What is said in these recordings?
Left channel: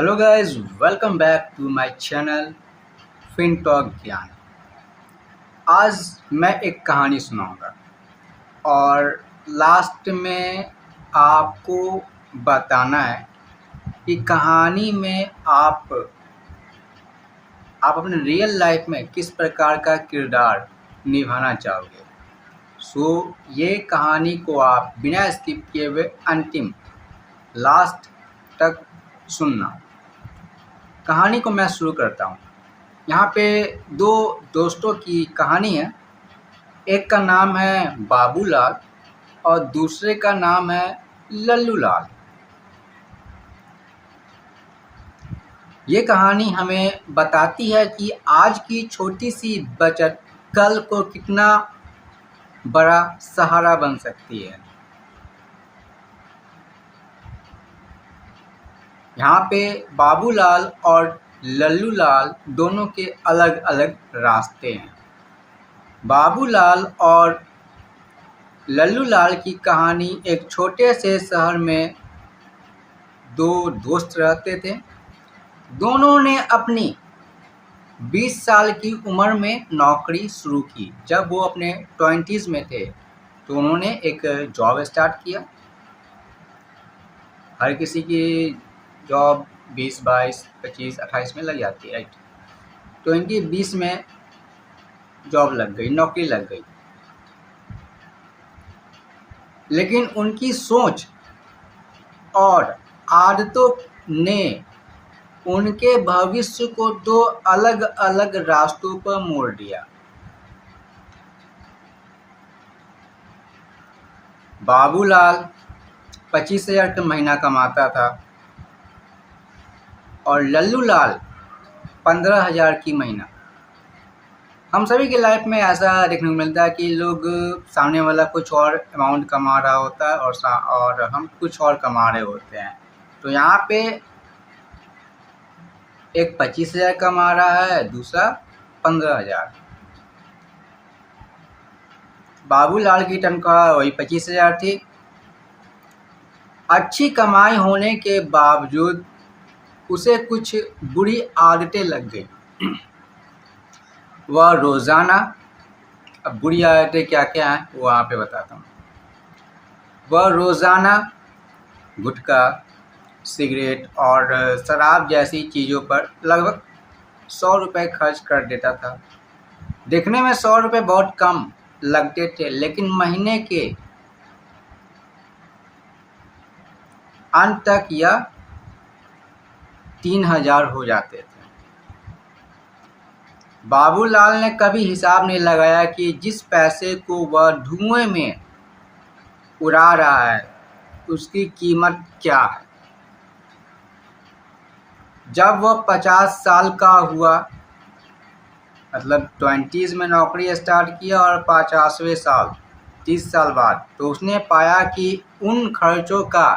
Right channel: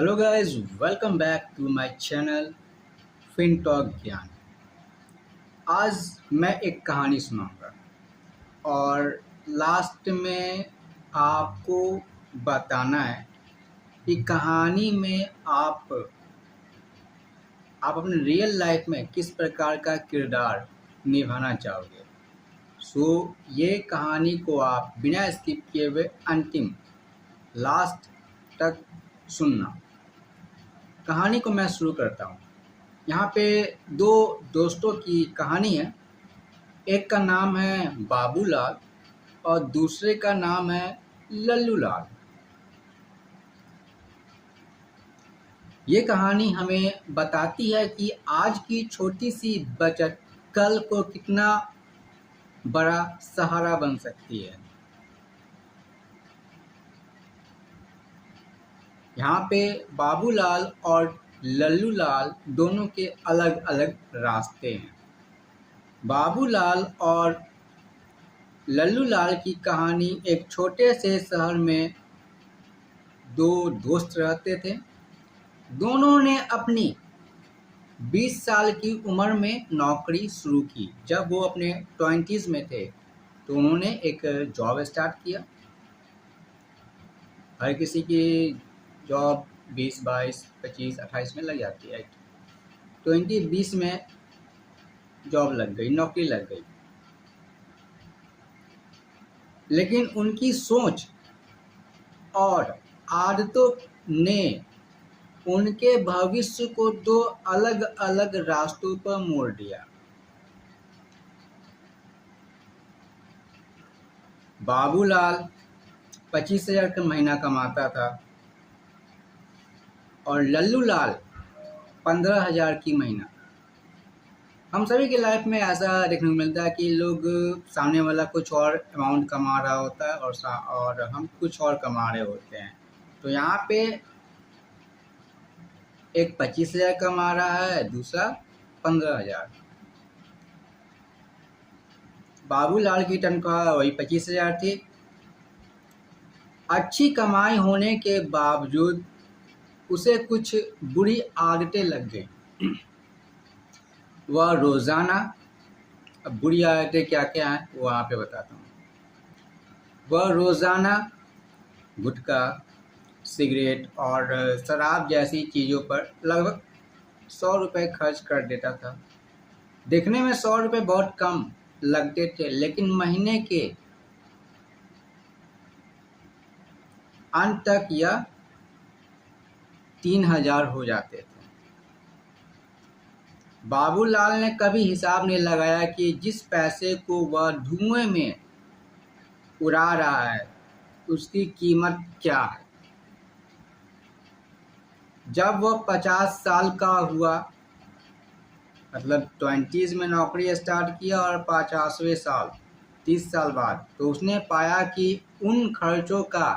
Hello guys, welcome back to my channel fin talk Gyan. आज मैं एक कहानी सुनाऊंगा और लास्ट में आपको बताना है कि कहानी में आप अपने रियल लाइफ में किस प्रकार का किरदार निभाना चाहोगे। ये कहानी को आप बिना स्किप किए हुए अंतिम लास्ट तक सुनना। कहानी को मैं शुरू करता हूँ। यहाँ पे दो दोस्तों की कहानी है। एक का नाम है बाबूलाल और दूसरे का नाम है लल्लू लाल। ये कहानी हमें बताती है कि आज की छोटी सी बचत कल को कितना बड़ा सहारा बन सकती है। यहाँ पे बाबूलाल और लल्लू लाल दोनों के अलग अलग रास्ते हैं। बाबूलाल और लल्लू लाल की कहानी एक छोटे से शहर में दो दोस्त रहते थे। दोनों ने अपनी 20 साल की उम्र में नौकरी शुरू की। जब वो अपने 20s में थे तो उन्होंने एक जॉब स्टार्ट किया। हर किसी की जॉब 20, 22, 25, 28 में लग जाती है, राइट। 20 में जॉब लग गई, नौकरी लग गई। लेकिन उनकी सोच और आदतों ने उनके भविष्य को दो अलग अलग रास्तों पर मोड़ दिया। बाबूलाल 25,000 का महीना कमाता था और लल्लू लाल 15,000 की महीना। हम सभी के लाइफ में ऐसा देखने को मिलता है कि लोग सामने वाला कुछ और अमाउंट कमा रहा होता है और हम कुछ और कमा रहे होते हैं। तो यहाँ पे एक 25,000 कमा रहा है, दूसरा 15,000। बाबूलाल की तनख्वाह वही 25,000 थी। अच्छी कमाई होने के बावजूद उसे कुछ बुरी आदतें लग गई। वह रोज़ाना, अब बुरी आदतें क्या क्या हैं वो वहाँ पे बताता हूँ। वह रोज़ाना गुटखा, सिगरेट और शराब जैसी चीज़ों पर लगभग 100 रुपये खर्च कर देता था। देखने में 100 रुपये बहुत कम लगते थे, लेकिन महीने के अंत तक यह 3,000 हो जाते थे। बाबूलाल ने कभी हिसाब नहीं लगाया कि जिस पैसे को वह धुएं में उड़ा रहा है उसकी कीमत क्या है। जब वह 50 साल का हुआ, मतलब 20s में नौकरी स्टार्ट किया और 50वें साल 30 साल बाद, तो उसने पाया कि उन खर्चों का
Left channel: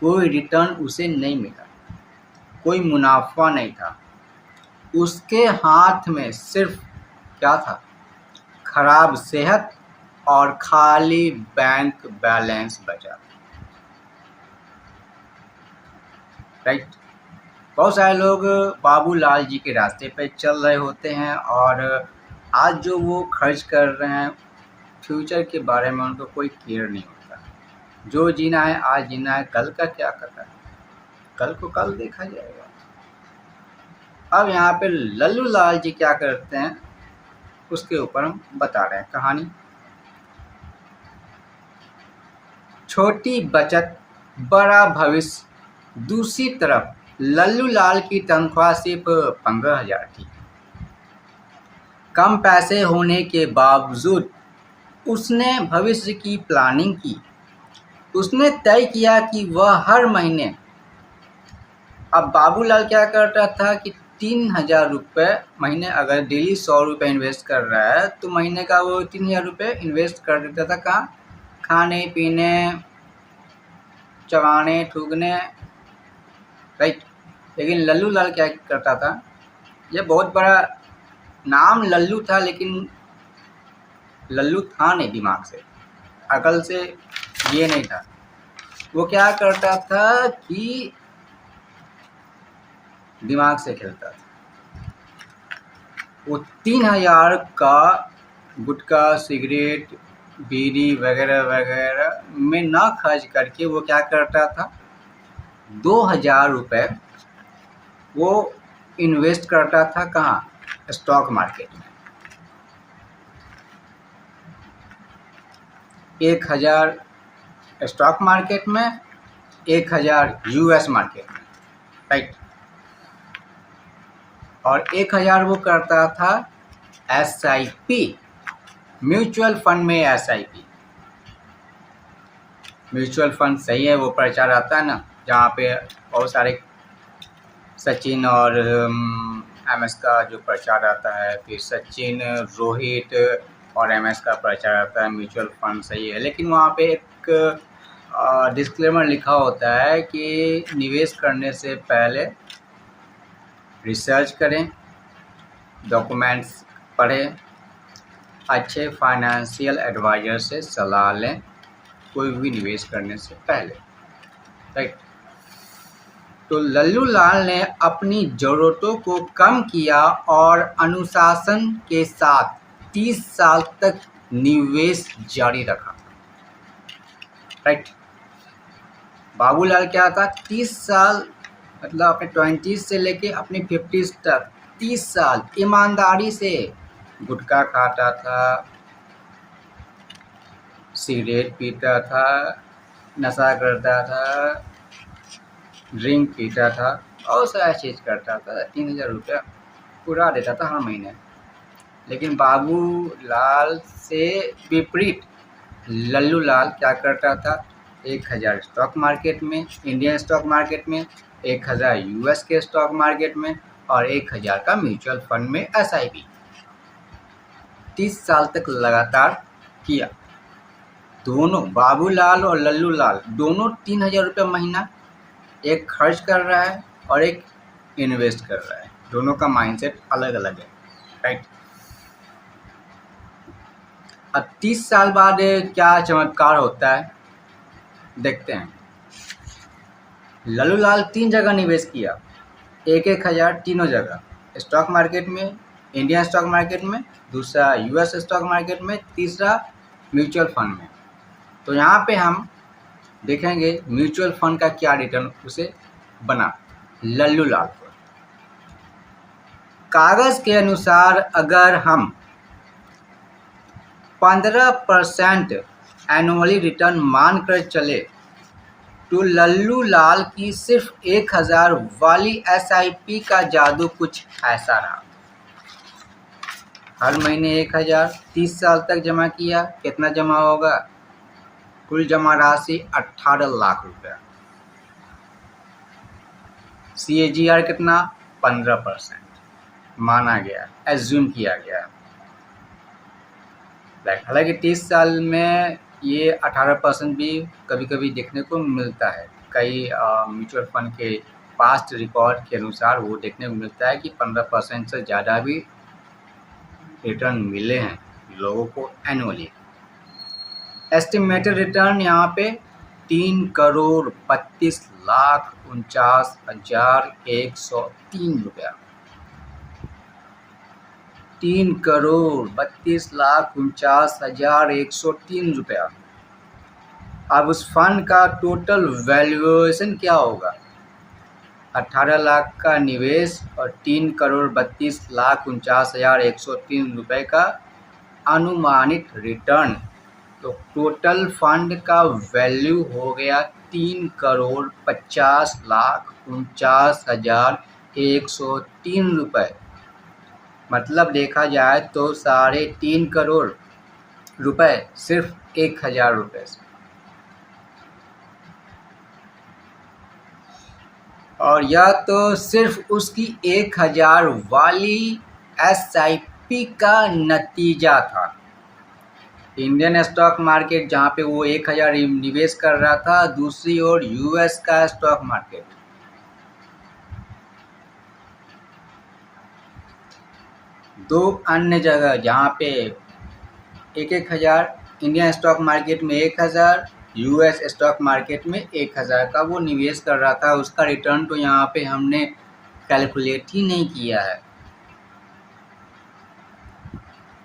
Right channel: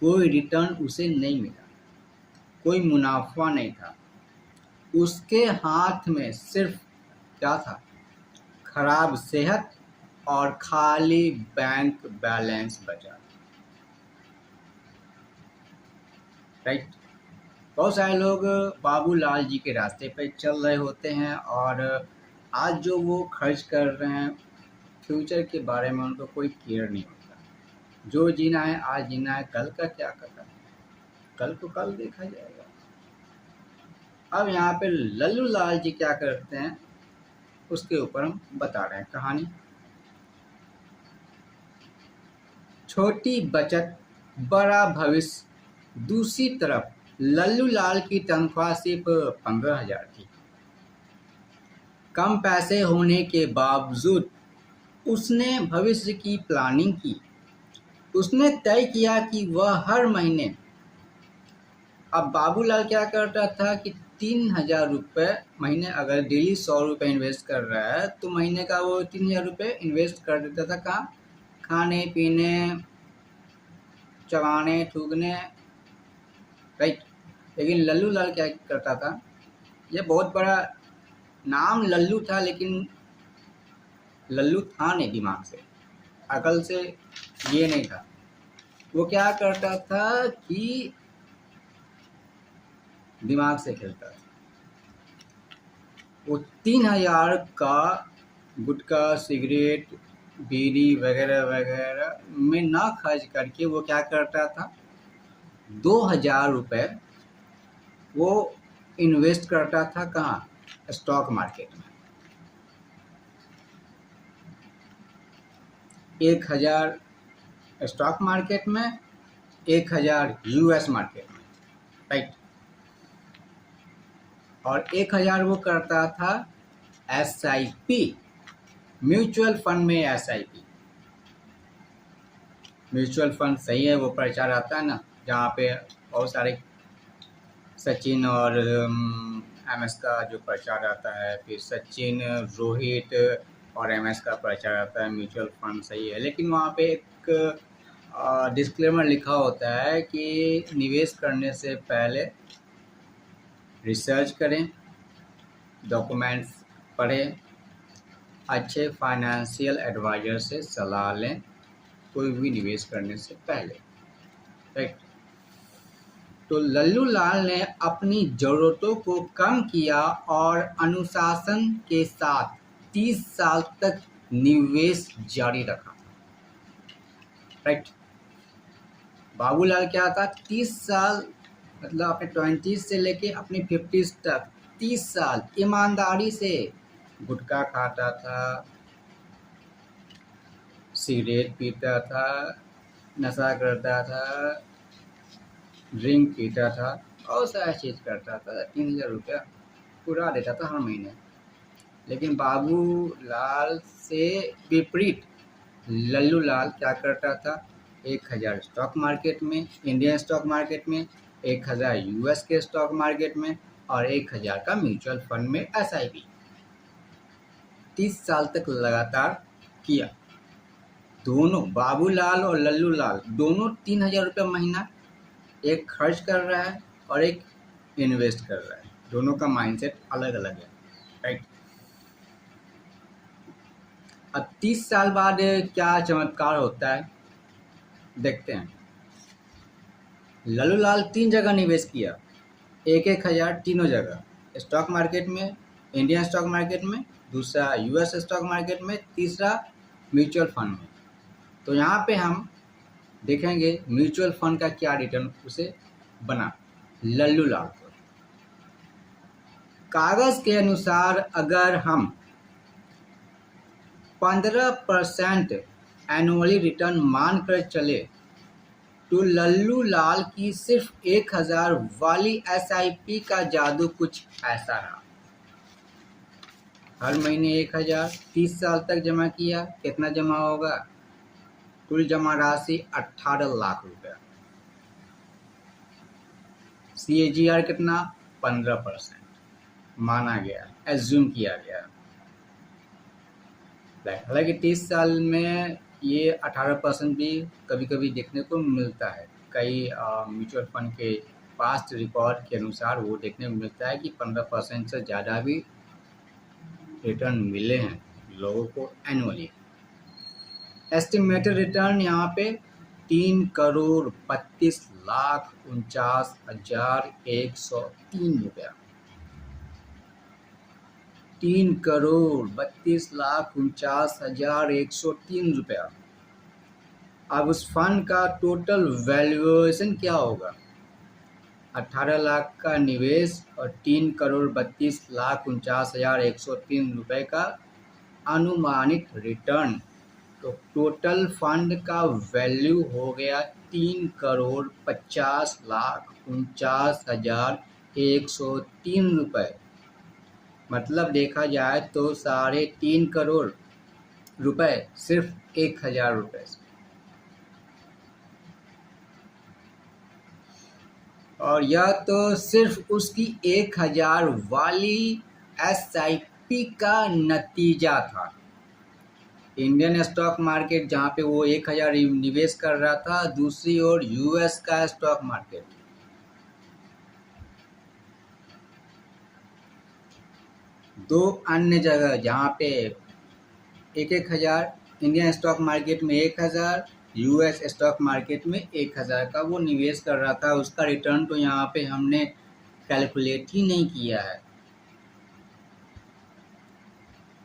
कोई रिटर्न उसे नहीं मिला, कोई मुनाफा नहीं था। उसके हाथ में सिर्फ क्या था? खराब सेहत और खाली बैंक बैलेंस बचा, राइट। बहुत सारे लोग बाबूलाल जी के रास्ते पे चल रहे होते हैं और आज जो वो खर्च कर रहे हैं, फ्यूचर के बारे में उनको कोई केयर नहीं होता। जो जीना है आज जीना है, कल का क्या करना है, कल को कल देखा जाएगा। अब यहाँ पे लल्लू लाल जी क्या करते हैं उसके ऊपर हम बता रहे हैं कहानी। छोटी बचत बड़ा भविष्य। दूसरी तरफ लल्लू लाल की तनख्वाह सिर्फ 15,000 थी। कम पैसे होने के बावजूद उसने भविष्य की प्लानिंग की। उसने तय किया कि वह हर महीने, अब बाबूलाल क्या करता था कि 3,000 रुपये महीने, अगर डेली 100 रुपये इन्वेस्ट कर रहा है तो महीने का वो 3,000 रुपये इन्वेस्ट कर देता था। कहाँ? खाने पीने, चबाने थूकने, राइट। लेकिन लल्लू लाल क्या करता था? ये बहुत बड़ा नाम लल्लू था, लेकिन लल्लू था नहीं, दिमाग से, अकल से ये नहीं था। वो क्या करता था कि दिमाग से खेलता था। वो 3,000 का गुटखा, सिगरेट, बीड़ी वगैरह वगैरह में ना खर्च करके वो क्या करता था, 2,000 रुपये वो इन्वेस्ट करता था कहाँ, स्टॉक मार्केट में। 1,000 स्टॉक मार्केट में, 1,000 यूएस मार्केट में, राइट। और 1,000 वो करता था SIP, म्यूचुअल फंड में। SIP म्यूचुअल फंड सही है, वो प्रचार आता है ना, जहाँ पे बहुत सारे सचिन और MS का जो प्रचार आता है, फिर सचिन, रोहित और MS का प्रचार आता है, म्यूचुअल फंड सही है। लेकिन वहाँ पे एक डिस्क्लेमर लिखा होता है कि निवेश करने से पहले रिसर्च करें, डॉक्यूमेंट्स पढ़ें, अच्छे फाइनेंशियल एडवाइज़र से सलाह लें कोई भी निवेश करने से पहले, राइट। तो लल्लू लाल ने अपनी ज़रूरतों को कम किया और अनुशासन के साथ 30 साल तक निवेश जारी रखा, राइट। बाबूलाल क्या था, 30 साल मतलब अपने 20s से लेके अपने 50s तक 30 साल ईमानदारी से गुटखा खाता था, सिगरेट पीता था, नशा करता था, ड्रिंक पीता था और सारा चीज़ करता था। 3,000 रुपया उड़ा देता था हर महीने। लेकिन बाबूलाल से विपरीत लल्लू लाल क्या करता था, 1,000 स्टॉक मार्केट में, इंडियन स्टॉक मार्केट में, 1,000 यूएस के स्टॉक मार्केट में और 1,000 का म्यूचुअल फंड में SIP 30 साल तक लगातार किया। दोनों बाबूलाल और लल्लू लाल दोनों 3,000 रुपये महीना, एक खर्च कर रहा है और एक इन्वेस्ट कर रहा है। दोनों का माइंडसेट अलग अलग है, राइट। अब 30 साल बाद क्या चमत्कार होता है देखते हैं। लल्लू लाल 3 जगह निवेश किया, 1,000 तीनों जगह, स्टॉक मार्केट में, इंडियन स्टॉक मार्केट में, दूसरा यूएस स्टॉक मार्केट में, तीसरा म्यूचुअल फंड में। तो यहाँ पे हम देखेंगे म्यूचुअल फंड का क्या रिटर्न उसे बना लल्लू लाल को। कागज़ के अनुसार अगर हम 15% एनुअली रिटर्न मानकर चले तो लल्लू लाल की सिर्फ 1,000 वाली SIP का जादू कुछ ऐसा रहा। हर महीने 1,000 30 साल तक जमा किया, कितना जमा होगा, कुल जमा राशि 18 लाख रुपया। CAGR कितना, 15% माना गया, एज्यूम किया गया। हालांकि 30 साल में ये 18% भी कभी कभी देखने को मिलता है। कई म्यूचुअल फंड के पास्ट रिकॉर्ड के अनुसार वो देखने को मिलता है कि 15% से ज़्यादा भी रिटर्न मिले हैं लोगों को एनुअली। एस्टिमेटेड रिटर्न यहाँ पे 3,32,49,103 रुपया, 3,32,49,103 रुपया। अब उस फंड का टोटल वैल्यूएशन क्या होगा, 18 लाख का निवेश और 3,32,49,103 रुपये का अनुमानित रिटर्न। तो टोटल फंड का वैल्यू हो गया 3,50,49,103 रुपये। मतलब देखा जाए तो 3.5 करोड़ रुपए सिर्फ 1,000 रुपये से। और यह तो सिर्फ उसकी 1,000 वाली SIP का नतीजा था। इंडियन स्टॉक मार्केट जहाँ पे वो 1,000 निवेश कर रहा था, दूसरी ओर यूएस का स्टॉक मार्केट, दो अन्य जगह जहाँ पे 1,000 इंडियन स्टॉक मार्केट में 1,000, यूएस स्टॉक मार्केट में 1,000 का वो निवेश कर रहा था। उसका रिटर्न तो यहाँ पे हमने कैलकुलेट ही नहीं किया है।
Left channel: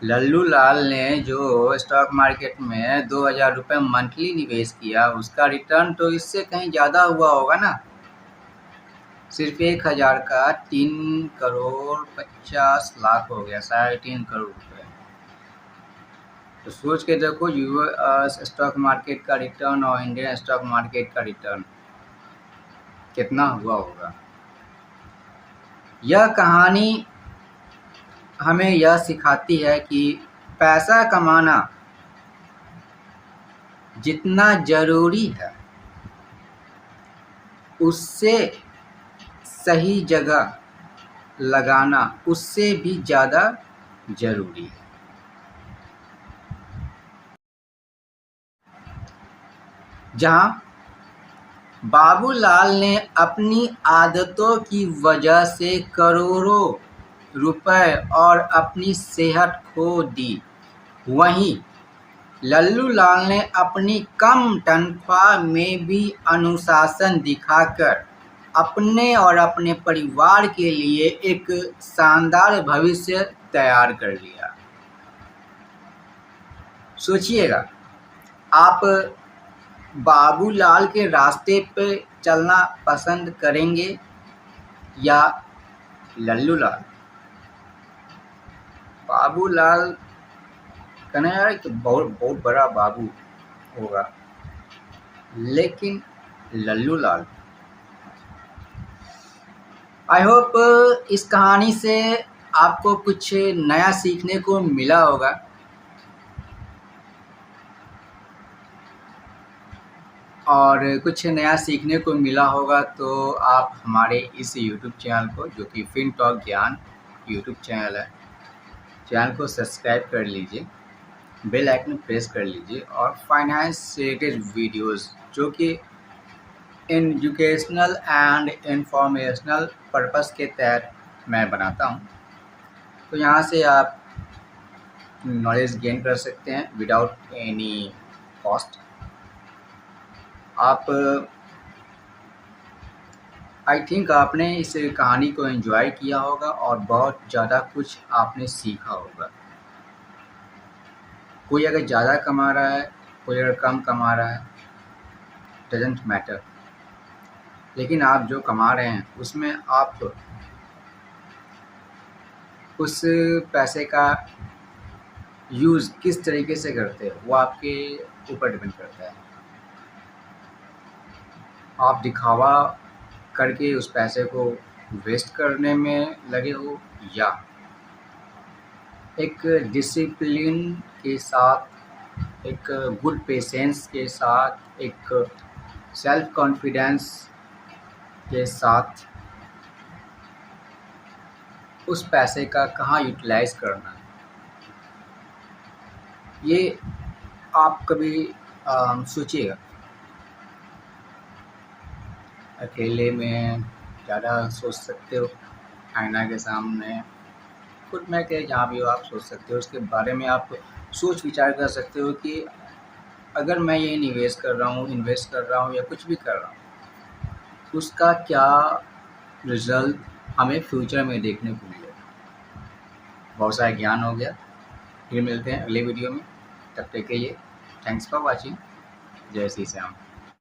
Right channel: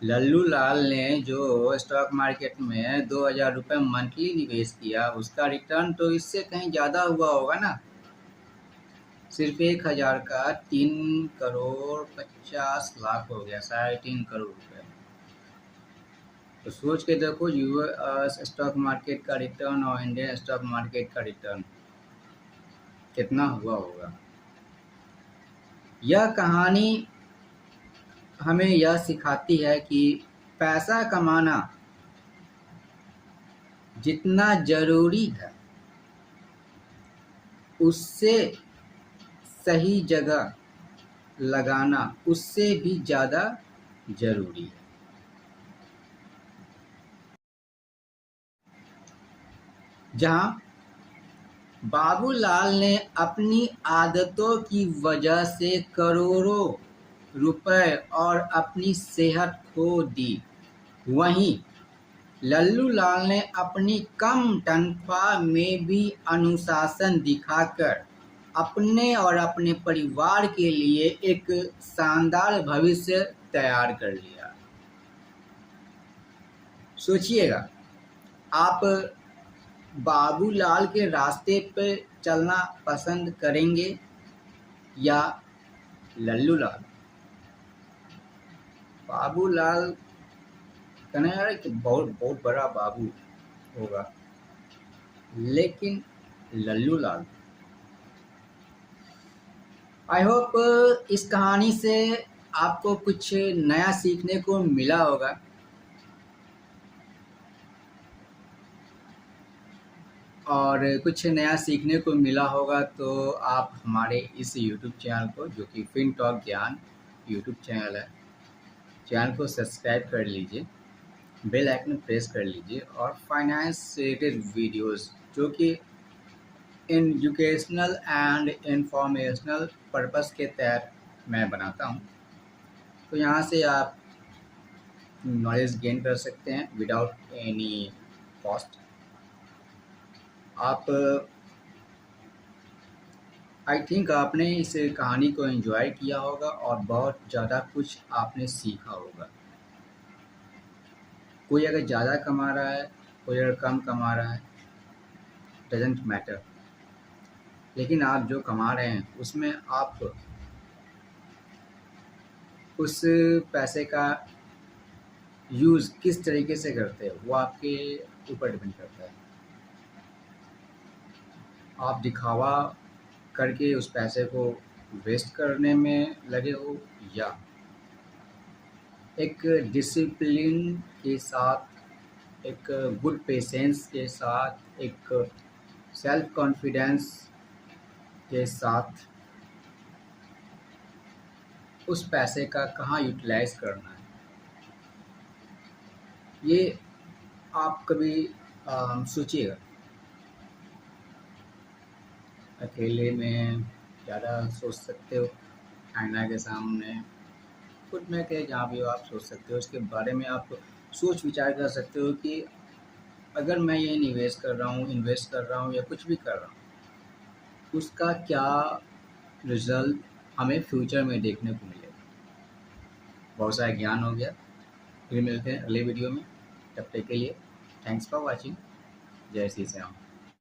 लल्लू लाल ने जो स्टॉक मार्केट में 2000 रुपये मंथली निवेश किया, उसका रिटर्न तो इससे कहीं ज़्यादा हुआ होगा ना। सिर्फ 1000 का 3,50,00,000 हो गया, 3.5 करोड़ रुपये। तो सोच के देखो यूएस स्टॉक मार्केट का रिटर्न और इंडियन स्टॉक मार्केट का रिटर्न कितना हुआ होगा। यह कहानी हमें यह सिखाती है कि पैसा कमाना जितना जरूरी है, उससे सही जगह लगाना उससे भी ज़्यादा जरूरी है। जहाँ बाबूलाल ने अपनी आदतों की वजह से करोड़ों रुपए और अपनी सेहत खो दी, वहीं लल्लू लाल ने अपनी कम तनख्वाह में भी अनुशासन दिखाकर अपने और अपने परिवार के लिए एक शानदार भविष्य तैयार कर लिया। सोचिएगा, आप बाबूलाल के रास्ते पे चलना पसंद करेंगे या लल्लू लाल? बाबूलाल कहना यार कि बहुत बहुत बड़ा बाबू होगा, लेकिन लल्लू लाल। आई होप इस कहानी से आपको कुछ नया सीखने को मिला होगा। और कुछ नया सीखने को मिला होगा तो आप हमारे इस यूट्यूब चैनल को, जो कि फिनटॉक ज्ञान यूट्यूब चैनल है, चैनल को सब्सक्राइब कर लीजिए, बेल आइकन प्रेस कर लीजिए और फाइनेंस से रिलेटेड वीडियोस जो कि एजुकेशनल एंड इंफॉर्मेशनल पर्पस के तहत मैं बनाता हूं, तो यहां से आप नॉलेज गेन कर सकते हैं विदाउट एनी कॉस्ट। आप आई थिंक आपने इस कहानी को एंजॉय किया होगा और बहुत ज़्यादा कुछ आपने सीखा होगा। कोई अगर ज़्यादा कमा रहा है, कोई अगर कम कमा रहा है, डजेंट मैटर, लेकिन आप जो कमा रहे हैं उसमें आप उस पैसे का यूज़ किस तरीके से करते हो वो आपके ऊपर डिपेंड करता है। आप दिखावा करके उस पैसे को वेस्ट करने में लगे हो या एक डिसिप्लिन के साथ, एक गुड पेशेंस के साथ, एक सेल्फ कॉन्फिडेंस के साथ उस पैसे का कहाँ यूटिलाइज करना है, ये आप कभी सोचिएगा। अकेले में ज़्यादा सोच सकते हो, आईना के सामने खुद में के जहाँ भी हो आप सोच सकते हो, उसके बारे में आप सोच विचार कर सकते हो कि अगर मैं ये निवेश कर रहा हूँ, इन्वेस्ट कर रहा हूँ या कुछ भी कर रहा हूँ, उसका क्या रिज़ल्ट हमें फ्यूचर में देखने को मिलेगा। बहुत सारा ज्ञान हो गया, फिर मिलते हैं अगले वीडियो में। तब तक के लिए थैंक्स फॉर वॉचिंग। जय श्री श्याम।